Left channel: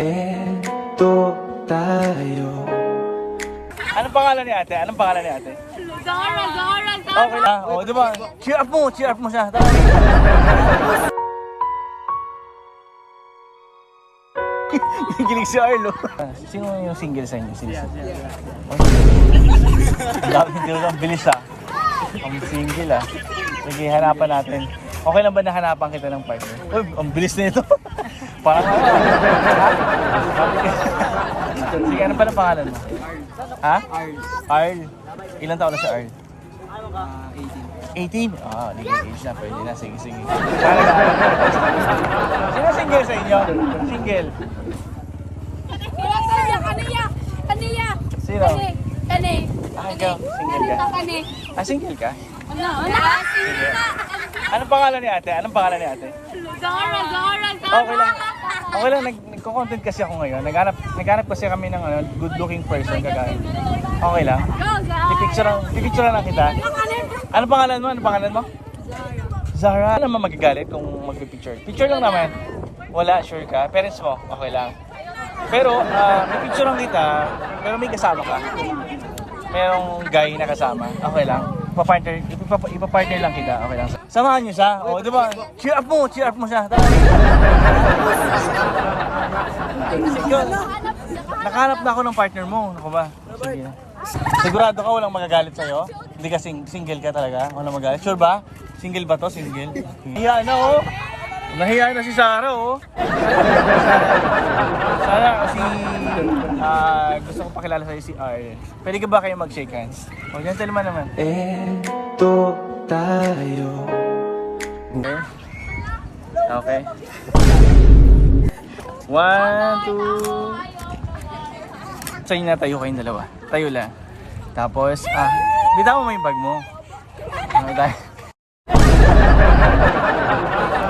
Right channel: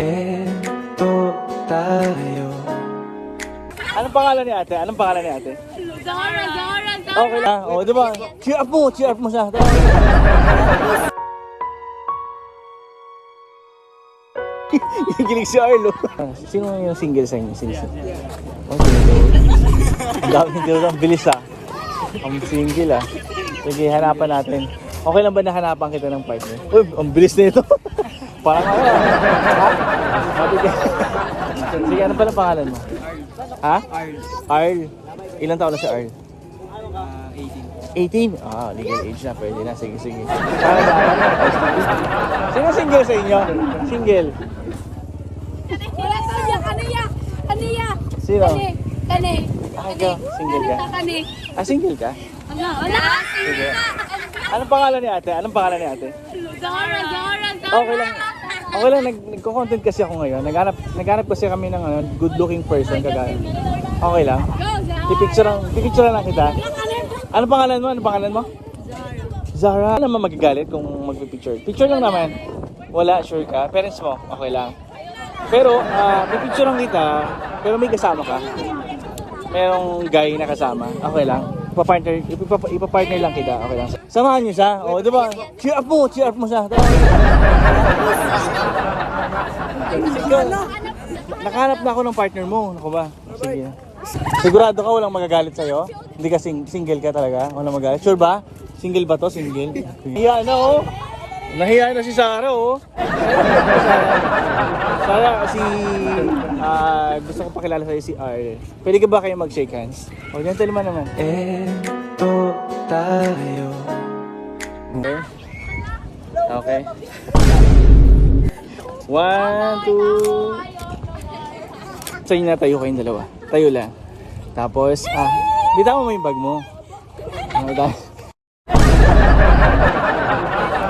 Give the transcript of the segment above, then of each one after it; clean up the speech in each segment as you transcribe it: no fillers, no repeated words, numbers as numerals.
Eto tayo. Anong pangalan ni ate? Anong pangalan ni ate? Zara. Okay lang. Oh, di ba? Cheer up mo siya. Nagilig si Arlo. Sino yung single sa inyo? Sino? Ang bilis ah. Ang single ah. Sige, hanapan natin. Okay lang ba na hanapan kita ng partner? Uy, ang bilis na ito. Sige, ano pala pangalan mo? Ha? Arl. Ilan taon na si Arl? 18. Ah, legal age na. Pwede na. Sige. Sino single sa inyo? Single. Kaniya. Sino? Kani. Single ka? Kani. Ah, single ka? Ano? Sige. Anong pangalan ni ate? Zara. Okay lang. Nagko-content kasi ako ngayon. Naghanap kasi kami ng good looking person. Okay lang. Pipicture lang kita. Anong pangalan mo? Zara. Ano naman magagalit kung magpipicture? Picture lang naman. Wala, sure ka? Parents mo? Okay lang. Pero, pipicture lang kita. Pero may kasama ka. Merong guy na kasama. Okay lang. Ipapartner lang kita. Okay lang. Samahan niyo siya. O, di ba? Cheer up mo siya. Nakahanap na ako ng partner mo. Ako ba? Sige. Sigurado ka walang magagalit sa'yo? Hindi ka single ka talaga? Walang magagalit? Sure ba? Single ba to? Single? Nahiya na oh. Nahiya na si Sarah oh. Sarah kasi gusto ko pakilala sa'yo si R. Pwede ka ba kayo mag-shake hands? O ganito naman. Eto tayo. Okay. 1, 2. Sa inyo na tayo kayong dalawa. Tayo lang. Tapos, bitaw mo yung bag mo. Okay tayo.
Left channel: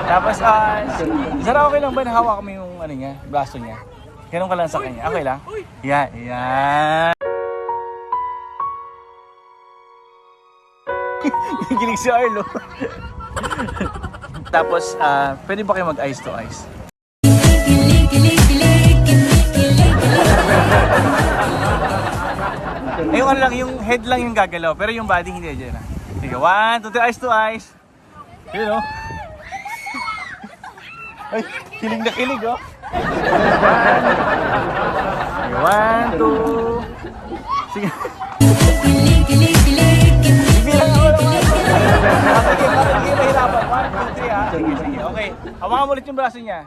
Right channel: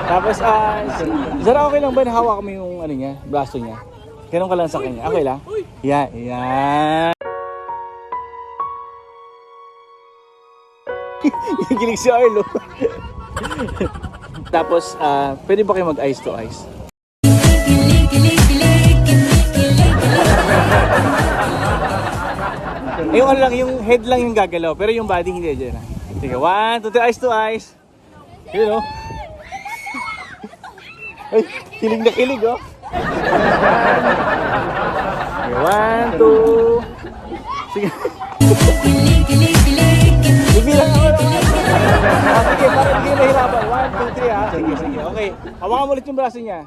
Tapos, Zara, okay lang ba nahawak mo yung ano niya, braso niya? Ganun ka lang sa kanya. Okay lang? Yan. Nagilig si Arlo. Tapos, pwede ba kayo mag-eyes to eyes? Yung head lang yung gagalaw, pero yung body hindi dyan. Sige, 1, 2, 3, eyes to eyes. Yun o. Ay, kilig na kilig oh. 1, 2. Sige. Okay, hawakan mo ulit yung braso niya.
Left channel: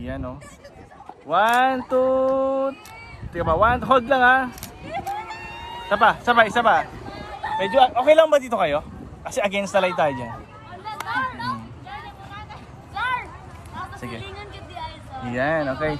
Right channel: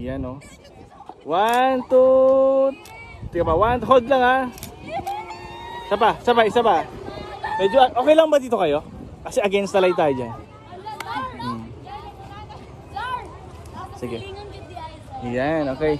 Yan o. 1, 2. Tika ba? 1, hold lang ha. Isa pa. Medyo, okay lang ba dito kayo? Kasi against the light tayo dyan. Sige. Yan, okay.